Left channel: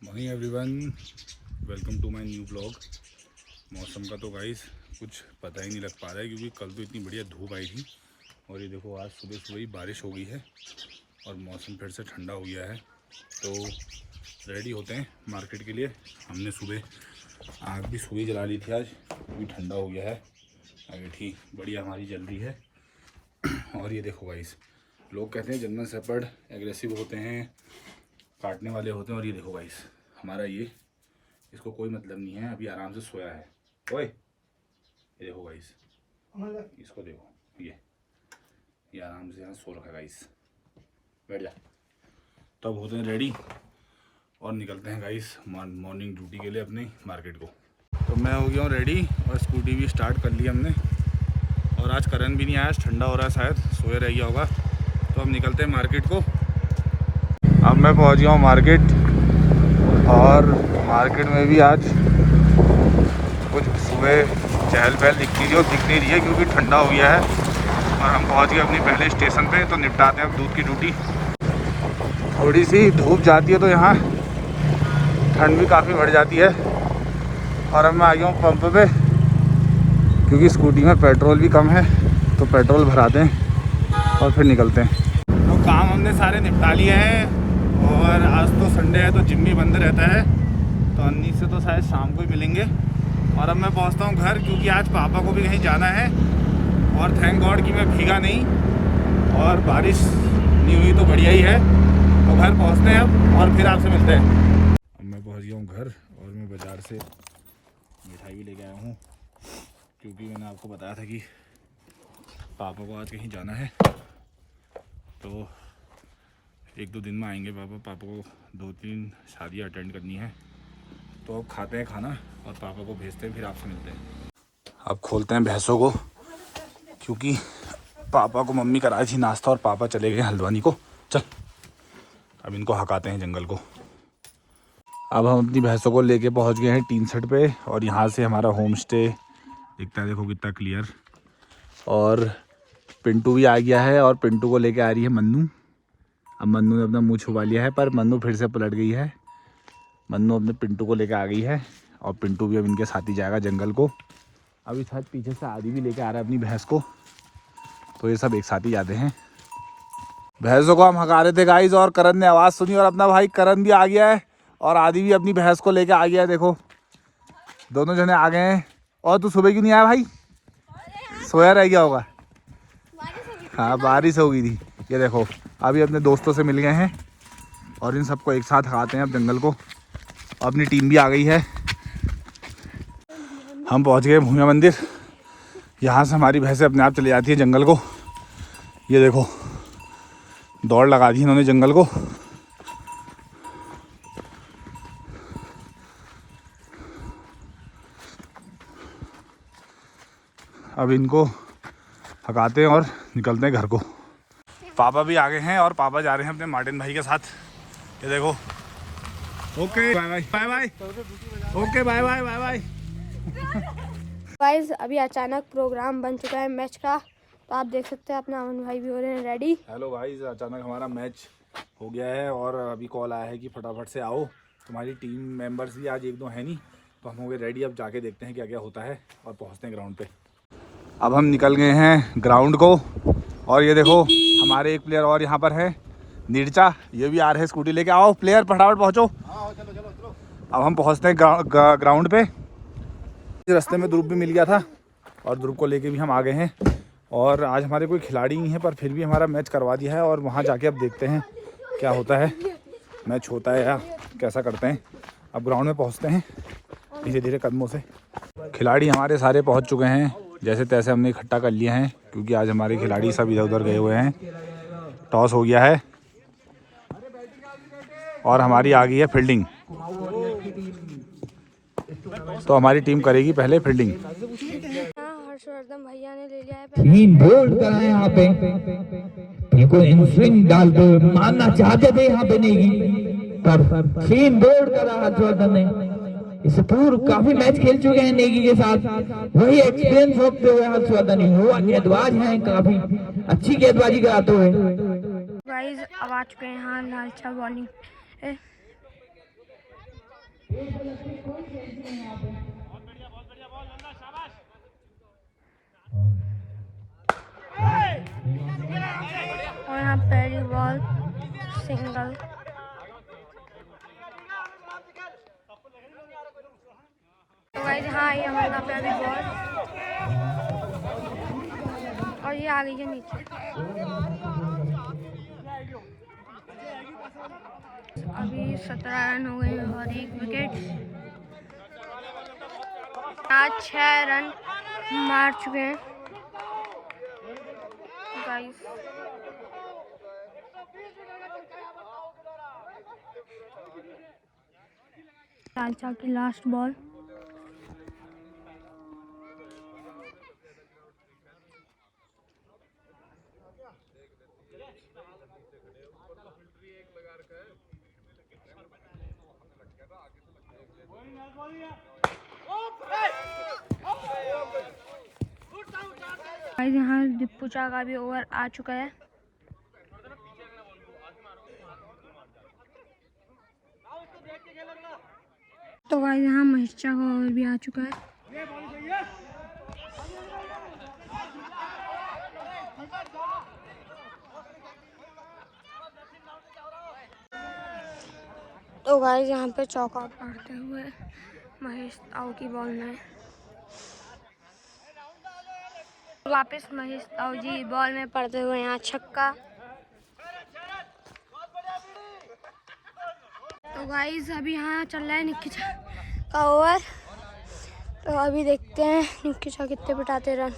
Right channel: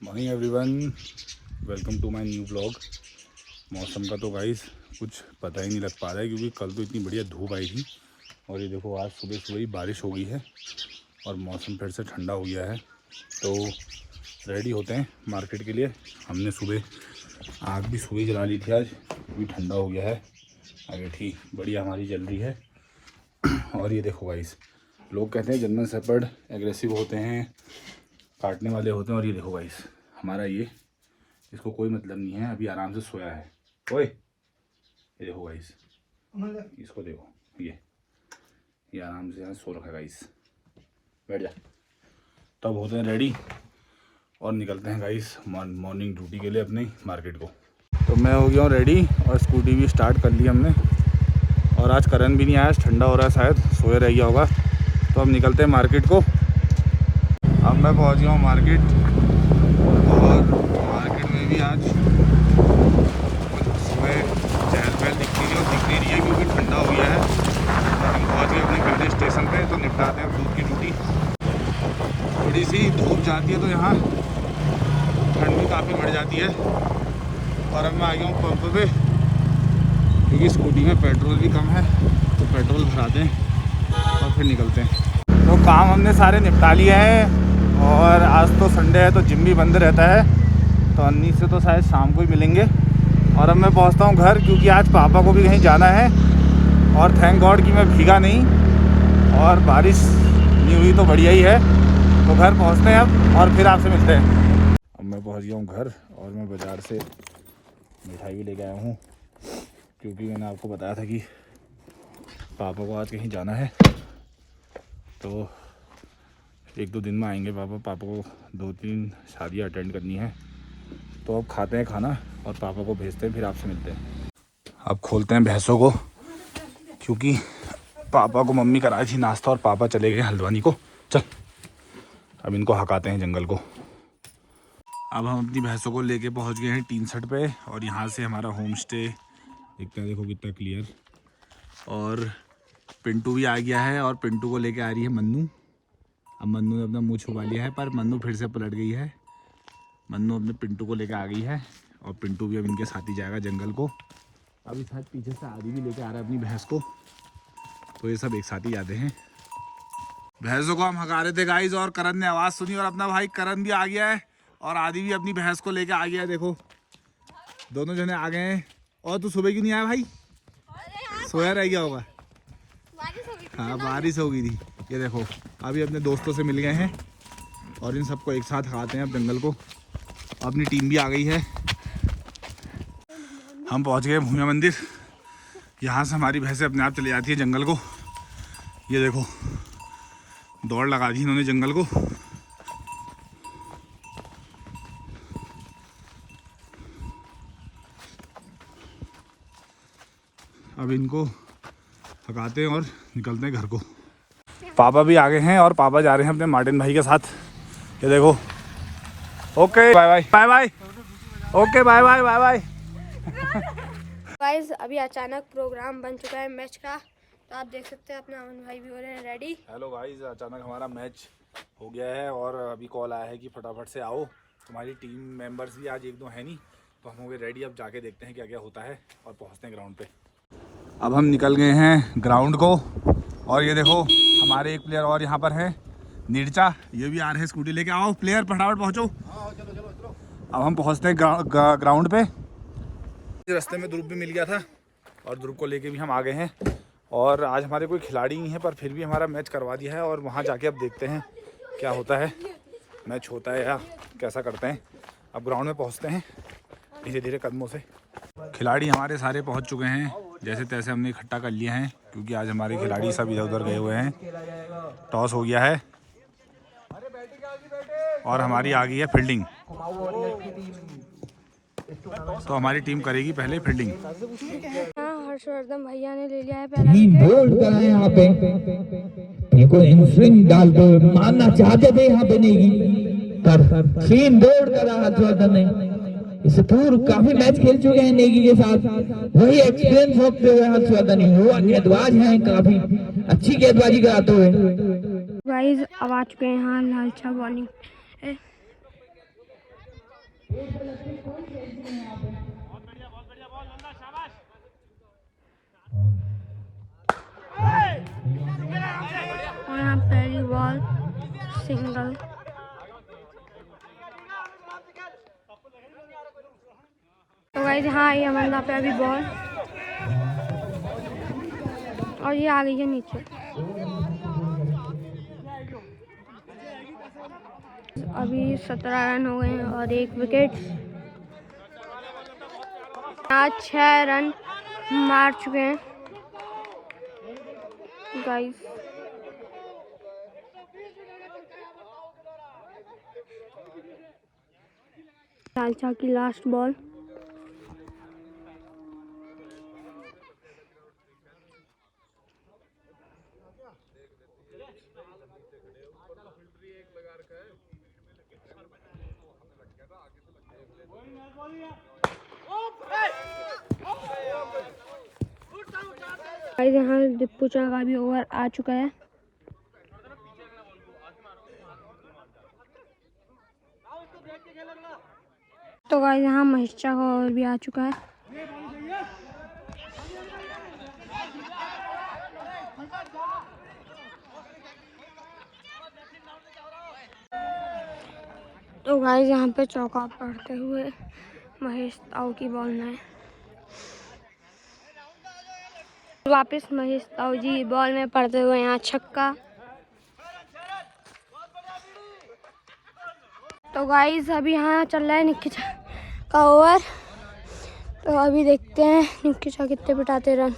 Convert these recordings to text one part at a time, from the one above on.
Morning everyone, welcome to my new blog. मौसम का तो गाइस कुछ पता ही नहीं लग पा रहा है क्योंकि कल तो इतनी बढ़िया धूप आई थी और ये देखो आज सुबह सुबह ही बारिश हो गई है और मौसम फिर से ठंडा हो गया है। तो रेडी होते हैं मार्केट के लिए। हमने सुबह आग भी सुबह जला ली थी, आज भी ठंडा हो गया है। आगे ठीक बढ़िया हमारी जल रही है। और ये देखो गाइस, लोग कहते हैं जर्मन शेफर्ड एग्रेसिव होते हैं, काटने वाले होते हैं, और ये देखो गाइस हमारा ये इसको कोई मतलब नहीं है, अभी आराम से सोया है। ओए ये देखो गाइस, इसको देखो, ये आराम से यहाँ सो रखा है गाइस। बैठ जा। तब होते हैं रेडी और निकलते हैं गाइस मॉर्निंग ड्यूटी के लिए अपने मार्केट को। तो मैं हो गया हूँ रेडी और स्कूटी भी स्टार्ट कर ली हमने। और आज करण भी नहीं आया, ठंडा हो रहा है, शायद सोया रह गया होगा। तो हम निकलते हैं मार्केट को। अब मैं पहुंच गया हूँ मार्केट और मार्केट में भी आज कुछ सुबह चहल पहल दिख नहीं रही है क्योंकि ठंडा हो गया है। और हम पहुंच गए अपनी पहले स्टेशन पे, तो निपटाते हैं अब दूध की ड्यूटी। थोड़ी सी धूप जाती है तो यहाँ ठंड भी काफ़ी बढ़ जाती है। और अब मैं आ गया हूँ पंप पे क्योंकि स्कूटी में पेट्रोल भी कम है, तो पेट्रोल भराते हैं और फिर निकलते हैं। तो काम हमने सारे निपटा लिए हैं और आज तो संडे है तो जिम भी बंद रहता है, तो अन्नी से तो शायद शाम को ही मिलेंगे। और अब मैं पहुंचता हूं घर क्योंकि आज पापा को भी कहीं जाना है। और थैंक गॉड कि मैं भीगा नहीं और बारिश नहीं हुई तो बढ़िया ही है। तो घर पहुंचते हैं अब और फिर आपसे मिलते हैं। अब मैं पहुंच गया हूं घर और मैं बाज़ार से मिठाई भी लेके आया हूँ क्योंकि मैंने आपको बताया था कि पापा को आज कहीं जाना है, तो 1-2 दिन में आएंगे पापा को 2-3 शादियाँ अटेंड करनी है। तो अब खाते हैं खाना और पापा को भेजते हैं, फिर आपसे मिलते हैं। अब खोलते हैं भैंसों को क्योंकि पापा को मम्मी कराई थी नाश्ता और पापा चले गए हल्द्वानी को। चल अब इनको हकाते हैं जंगल को। अब हम अपनी भैंसों को लेके पहुंच गए हैं टीन सेट पे और यहाँ से हमारा होम स्टे दिखता है, देखो कितना क्लियर। और पिंटू भी आ गया है और पिंटू को लेके आ रही है मन्नू। अब मन्नू ने अपना मुंह छुपा लिया है पर मन्नू फिर से पलट गई है। मन्नू अपने पिंटू को लेकर आ गई है और पिंटू भी अब इनके साथ ही जाएगा जंगल को। अभी शायद पीछे से आदि भी लेके आ रहा है अपनी भैंस को, तो ये सब एक साथ ही जाते हैं। भैंसों को हम हका रहे थे गाइस और करण ने आवाज़ सुनी और अपना भाई करण भी आ गया है और आदि भी अपनी भैंस को लेके आ गया है। देखो दोनों जने आ गए हैं। और तू सुबह क्यों नहीं आया भाई? सोया रह गया होगा। हाँ बारिश हो गई थी। ये देखो अभी अपने दोस्तों से मिल गए हैं और इन सबको एक साथ हकाते हैं अब जंगल को। अपनी टीम भी आ गई है। हम पहुंच गए भूमिया मंदिर। यहाँ से हमारी भैंसें अपने आप चली जाती है जंगल को। ये देखो दौड़ लगा दी इन्होंने जंगल को। अब इनको हकाते हैं और निकलते हैं घर को। पापा भी आ गए हैं और पापा जा रहे हैं अपने मार्टिन भाई के साथ। ये देखो okay bye bye bye bye okay bye bye bye bye. Guys अभी अचानक प्रोग्राम बन चुका है मैच का, तो आप देख सकते हैं अपना अमन भाई भी हो रहे हैं रेडी। हेलो गाइस, अचानक हमारा मैच हो गया है और अभी कॉल आया है कि फटाफट से आओ। तुम्हारी टीम मेंबर्स भी आज 1-2 है नहीं, तो हम हो गए रेडी। अब जाके देखते हैं क्या क्या होता है और पहुँचते हैं ग्राउंड पे। अब हम निकल गए हैं ग्राउंड को और ये देखो हमारे एक प्लेयर और यहाँ पर है नीरचा, ये भी आ रहे हैं स्कूटी लेके। आओ प्लेयर फटाफट पहुँचो। अब हम पहुँचते हैं ग्राउंड पे। रास्ते में ध्रुव भी मिल गया था और ध्रुव को लेके भी हम आ गए हैं। और आज हमारे कोई खिलाड़ी नहीं है पर फिर भी हमारा मैच करवा दिया है और वहाँ जाके अब देखते हैं क्या होता है, मैच होता है या कैसा करते हैं। अब ग्राउंड में पहुँचते हैं धीरे धीरे कदमों से। खिलाड़ी हमारे सारे पहुँच चुके हैं, जैसे तैसे हमने इकट्ठा कर लिए हैं क्योंकि आज हमारे खिलाड़ी सब इधर उधर गए हुए हैं। टॉस हो गया है और हमारी आ गई है फील्डिंग, तो हमारी टीम करेगी पहले फील्डिंग। हर्षवर्धन भैया ने ले लिया है तीन बोल्ड करा है यहाँ पे, इनको इन स्विंग डाल दो मारना चाहते थे यहाँ पे नेगी, पर 3 बोल्ड करा हर्षवर्धन ने। इसे पूर्व काफी मैच खेल चुके हैं नेगी के साथ, वही एक्सपीरियंस होते हुए हर्षवर्धन ही वो गेंदबाज हैं, काफी अच्छी गेंदबाजी कराते हुए। गाइस अब आ चुके हैं यहाँ लालचा बॉलिंग पहली बॉल सिंगल। तो गाइस हाँ ये हमारा पहली बॉल और ये आ गई है नीचे। अभी 17 रन हो गए हैं और 1 विकेट। आज 6 रन मार चुके हैं गाइस। चाचा की लास्ट बॉल। यहाँ दीपू चा का भी ओवर आ चुका है। तो गाइस यहाँ महेश चा का ओवर भी आ चुका है। तो गाइस यहाँ पे चौका पड़ते हुए महेश ताऊ की बॉल में वापस महेश ताऊ जी बॉल में पड़ते हुए यहाँ छक्का। तो गाइस अभी यहाँ चल रहा है निक्की चा का ओवर। तो अभी देखते हैं निक्की चा कितने पिटाते रन।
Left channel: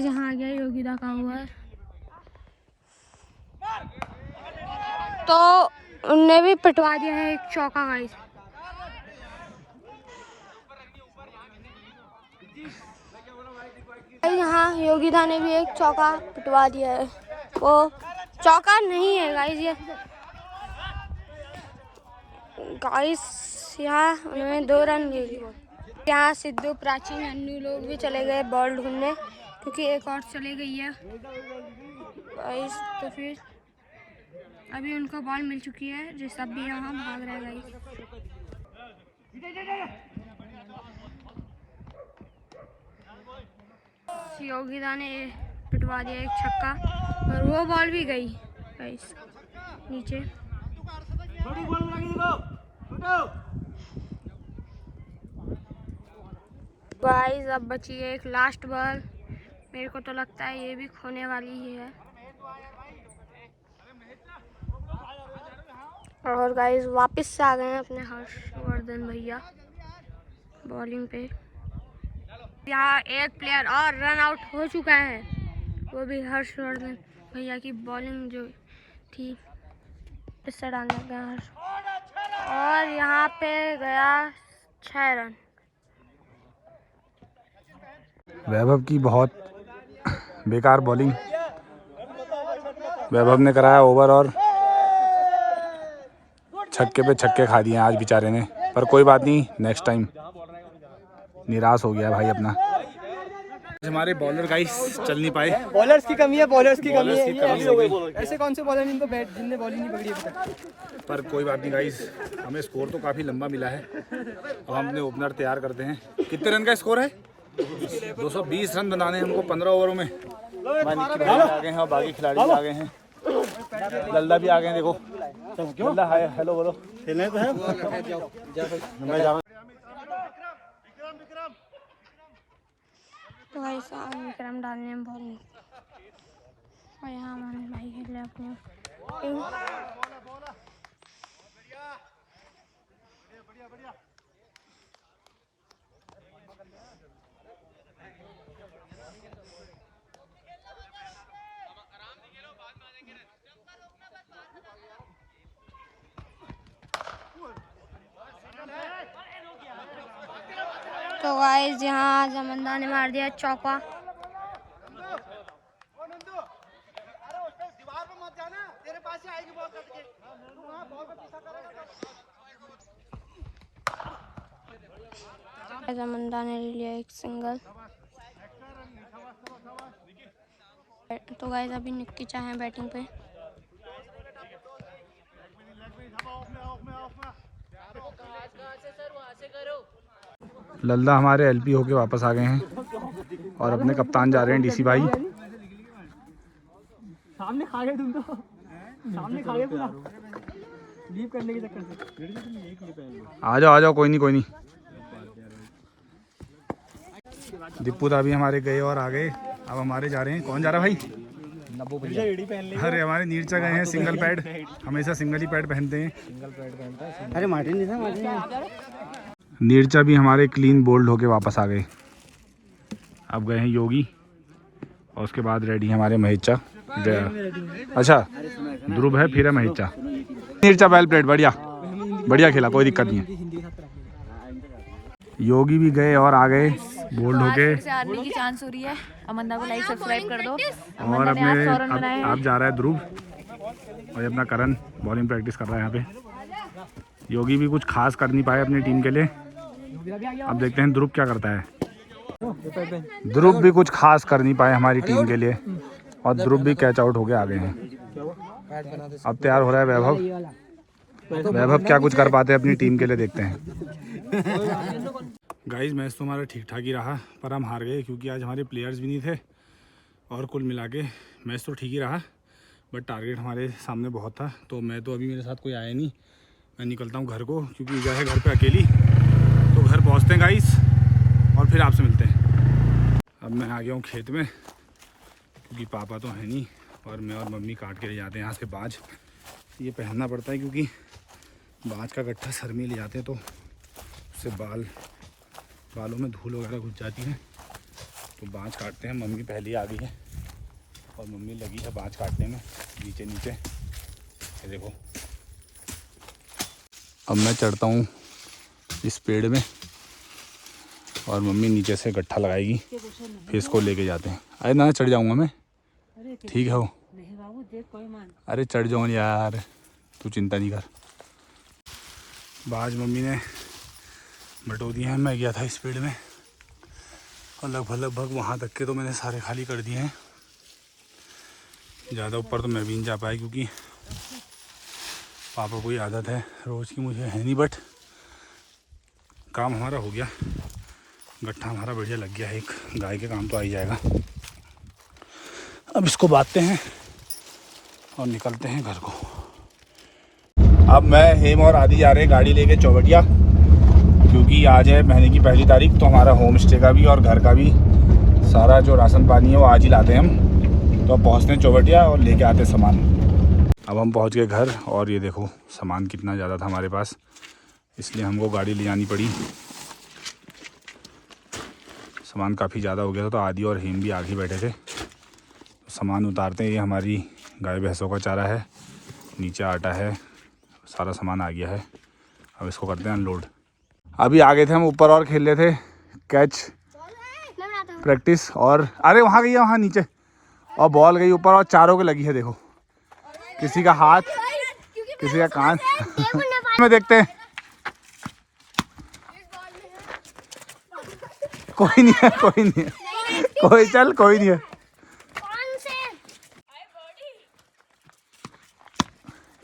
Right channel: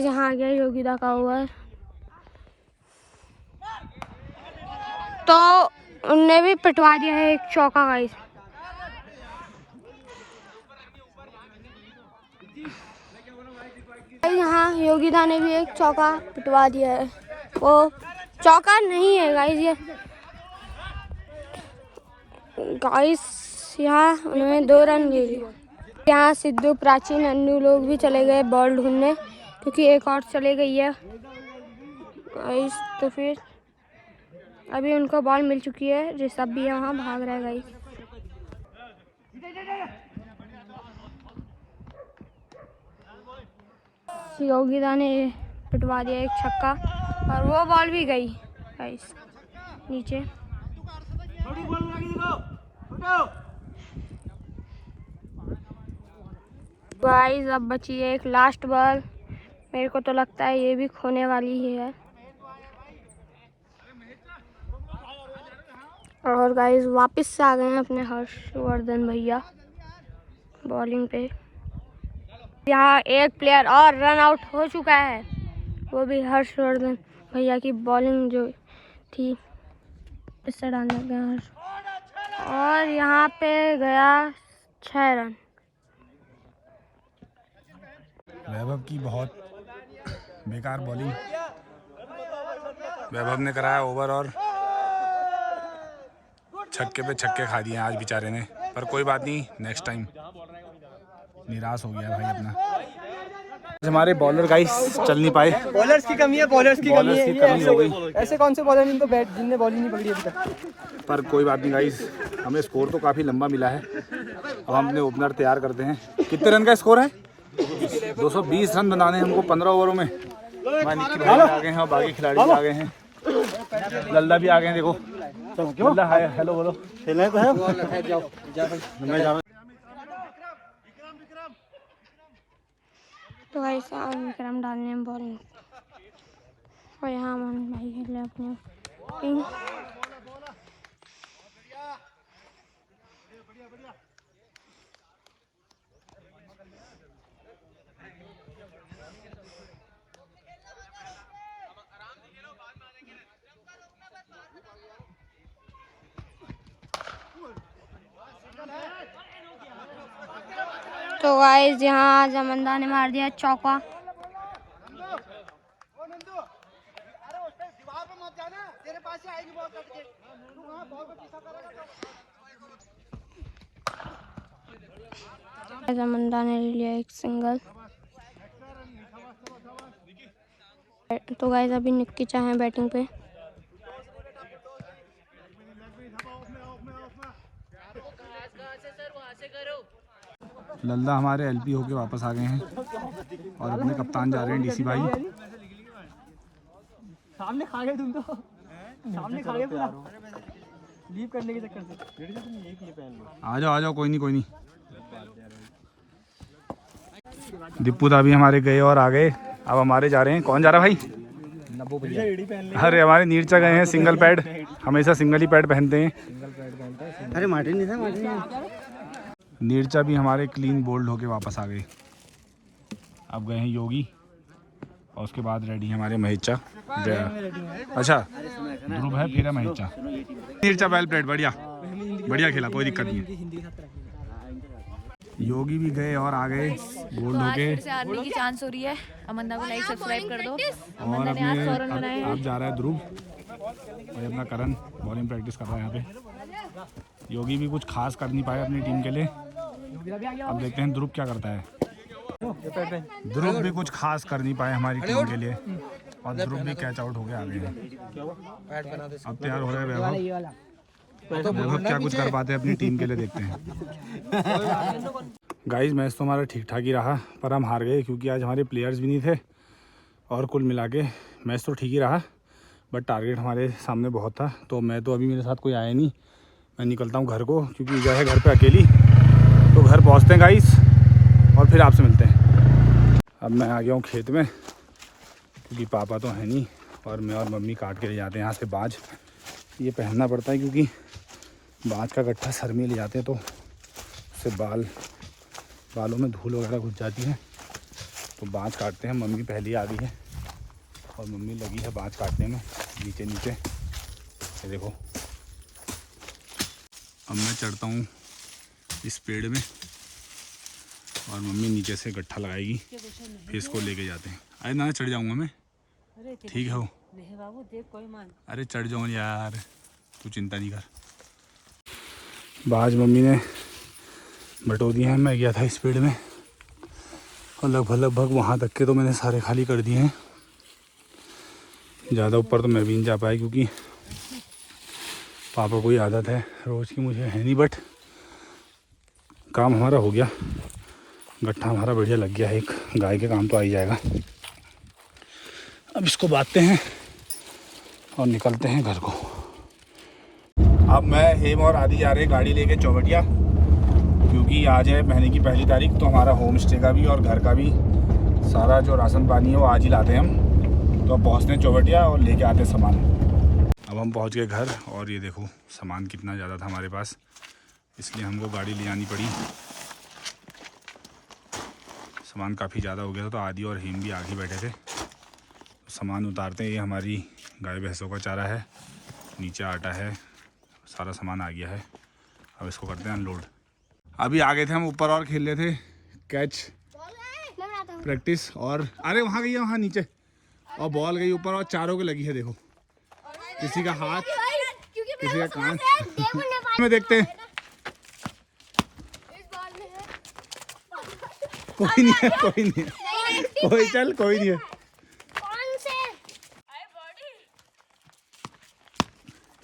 यहाँ आ गया योगिता का ओवर। तो उनने भी पिटवा दिया है एक चौका गाइस। यहाँ योगिता ने भी एक चौका पिटवा दिया है। वो चौका नहीं है गाइस ये गाइस। यहाँ उन्होंने 2 रन ले लिए। यहाँ सिद्धू प्राचीन अन्नू लोग भी चले गए बॉल ढूंढने क्योंकि एक और चले गई है गाइस। तो फिर अभी उनको बॉल मिल चुकी है। ऋषभ भी यहाँ भाग रहा है गाइस। योगिता ने पिटवा दिया एक छक्का और वो बॉल भी गई गाइस नीचे। गाइस अब बची है एक लास्ट बॉल। मेरे को तो लगता है ये भी खोने वाली ही है। और गाइस वापस से आ गए हैं अपने हर्षवर्धन भैया बॉलिंग पे। यहाँ एक प्लेयर और रन आउट हो चुका है, वो भी हर्षवर्धन भैया की बॉलिंग जो थी इससे डालने गया हर्ष। और यहाँ पे गया 6 रन। वैभव की बहुत बेकार बॉलिंग। वैभव ने कराया ओवर और छक्के पे छक्के खा दिए आज बेचारे ने। पर कोई बात नहीं, नेक्स्ट टाइम। निराश हो गया भाई अपना। हमारे बॉलर गाइस चल नहीं पाए। बॉलर्स की कमी है, बॉलर्स की कमी हो गई। ऐसे कौन से बॉलर जिनको बैट जिनने बॉल ही नहीं पकड़ी अभी तक। पर कोई बात नहीं गाइस, हमें स्कोर तो काफ़ी लंबा मिला है। अब हम अपने ओपनर तैयार करते हैं। कितने रन का स्कोर है? 220 रन बनाने हैं हमको 15 ओवरों में। आ गए हैं, बाकी खिलाड़ी आ गए हैं। लल्ला भी आ गए हैं, देखो लल्ला हाय हेलो बोलो। खेलने तो है। तो भाई साहब विक्रम डालने में बॉलिंग और यहाँ मन भाई खेल रहे अपने। तो गाइस यहाँ जमंदा ने मार दिया चौका। जमंदा ने लिया एक सिंगल। तो गाइस अभी निक्की चा है बैटिंग पे। लल्ला हमारे एलपी होके वापस आ गए हैं और अपने कप्तान जा रहे हैं डीसी भाई। सामने खा गए तुम तो, सामने खा गए पूरा लीव करने के चक्कर से। आ जाओ कोई नहीं। दीपू दा भी हमारे गए और आ गए। अब हमारे जा रहे हैं। कौन जा रहा भाई? अरे हमारे नीरचा गए हैं सिंगल पैड, हमेशा सिंगल ही पैड पहनते हैं। अरे मार्टिन नहीं था, मार्टिन नीरचा भी हमारे क्लीन बोल्ड होके वापस आ गए। अब गए हैं योगी और उसके बाद रेडी हमारे महेचा। अच्छा ध्रुव है, फिर है महेचा। नीरचा वेल प्लेड, बढ़िया खेला, कोई दिक्कत नहीं है। योगी भी गए और आ गए बोल्ड होके। से आने की चांस हो रही है। अमंदा को लाइक सब्सक्राइब कर दो। और अपने अब जा रहा है ध्रुव और अपना करण बॉलिंग प्रैक्टिस कर रहा है यहाँ पे। योगी भी कुछ खास कर नहीं पाए अपनी टीम के लिए। अब देखते हैं ध्रुव क्या करता है। ध्रुव भी कुछ खास कर नहीं पाए हमारी टीम के लिए और ध्रुव भी कैच आउट होके आ गए हैं। अब तैयार हो रहा है वैभव। वैभव क्या कुछ कर पाते हैं अपनी टीम के लिए, देखते हैं। गाइस मैच तो हमारा ठीक ठाक ही रहा पर हम हार गए क्योंकि आज हमारे प्लेयर्स भी नहीं थे और कुल मिला के मैच तो ठीक ही रहा बट टारगेट हमारे सामने बहुत था। तो मैं तो अभी मेरे साथ कोई आया नहीं, मैं निकलता हूँ घर को क्योंकि ईजा है घर पे अकेली। तो घर पहुँचते हैं गाइस और फिर आपसे मिलते हैं। अब मैं आ गया हूँ खेत में क्योंकि पापा तो है नहीं और मैं और मम्मी काट के ले जाते हैं यहाँ से बाज। ये पहनना पड़ता है क्योंकि बाज का गट्ठा सर में ले जाते हैं तो उससे बालों में धूल वगैरह घुस जाती है। तो बाज काटते हैं। मम्मी पहले आ गई है और मम्मी लगी है बाज काटने में नीचे। ये देखो अब मैं चढ़ता हूँ इस पेड़ में और मम्मी नीचे से गट्ठा लगाएगी, फिर इसको लेके जाते हैं। अरे ना चढ़ जाऊँगा मैं, ठीक है हो? अरे चढ़ जाऊँ यार, तू चिंता नहीं कर। बाज मम्मी ने बटो दिए हैं। मैं गया था इस पेड़ में और लगभग वहाँ तक के तो मैंने सारे खाली कर दिए हैं। ज़्यादा ऊपर तो मैं भी नहीं जा पाया क्योंकि पापा को ही आदत है रोज़ की, मुझे है नहीं। बट काम हमारा हो गया, गट्ठा हमारा बढ़िया लग गया है। एक गाय के काम तो आ ही जाएगा। अब इसको बांधते हैं और निकलते हैं घर को। अब मैं हेम और आदि जा रहे हैं गाड़ी लेके चौबटिया क्योंकि आज है महीने की 1 तारीख। तो हमारा होम स्टे का भी और घर का भी सारा जो राशन पानी है वो आज ही लाते हैं हम। तो अब पहुँचते हैं चौबटिया और लेके आते हैं सामान। अब हम पहुँच गए घर और ये देखो सामान कितना ज़्यादा था हमारे पास, इसलिए हमको गाड़ी ले जानी पड़ी। सामान काफ़ी ज़्यादा हो गया था तो आदि और हेम भी आगे बैठे थे। सामान उतारते हैं। ये हमारी गाय भैंसों का चारा है, नीचे आटा है, सारा सामान आ गया है। अब इसको करते हैं अनलोड। अभी आ गए थे हम ऊपर और खेल रहे थे कैच प्रैक्टिस। और अरे वहाँ गई है, वहाँ नीचे, और बॉल गई ऊपर और चारों के लगी है। देखो किसी का हाथ, किसी का कान में देखते हैं। कोई नहीं है, कोई नहीं है, कोई चल कोई नहीं है।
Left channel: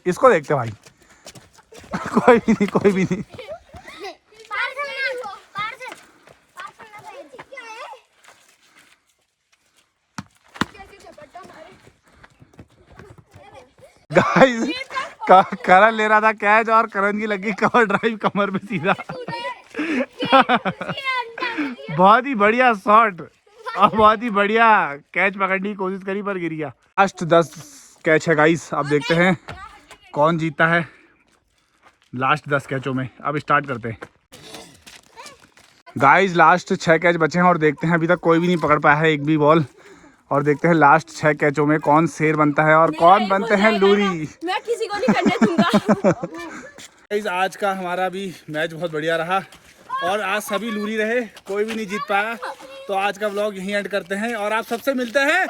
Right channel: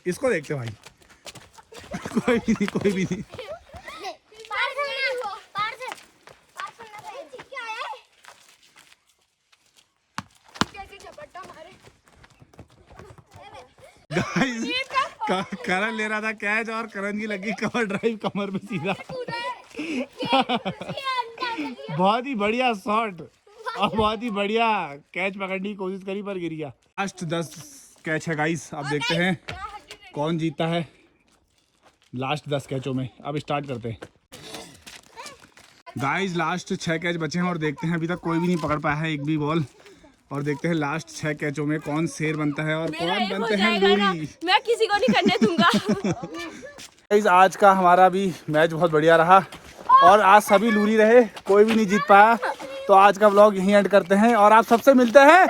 इसको देखते भाई। कोई भी नहीं, कोई भी नहीं। गाइस करण ले रहा था कैच और करण की लगी कवर ड्राइव कमर पे सीधा। बहुत ही बढ़िया शॉट और बहुत ही बढ़िया कैच पकड़ने की कोशिश करी पर गिर गया। लास्ट 10 कैच है गाइस। अब देखते हैं कौन जीतता है लास्ट 10 कैचों में। अब स्टार्ट करते हैं गाइस। लास्ट 6 कैच बचे हैं और देखते हैं, अभी तक कोई भी नहीं पकड़ पाया है एक भी बॉल। और देखते हैं लास्ट 6 कैचों में कौन शेर बनता है और कौन बनते हैं लूरी। मैं किसी को नहीं करने दूंगा। गाइस आज का हमारा भी मैच बहुत बढ़िया रहा और आज सभी लूरी रहे, कोई भी नहीं जीत पाया। तो आज का व्लॉग यहीं एंड करते हैं और आप सबसे मिलते हैं।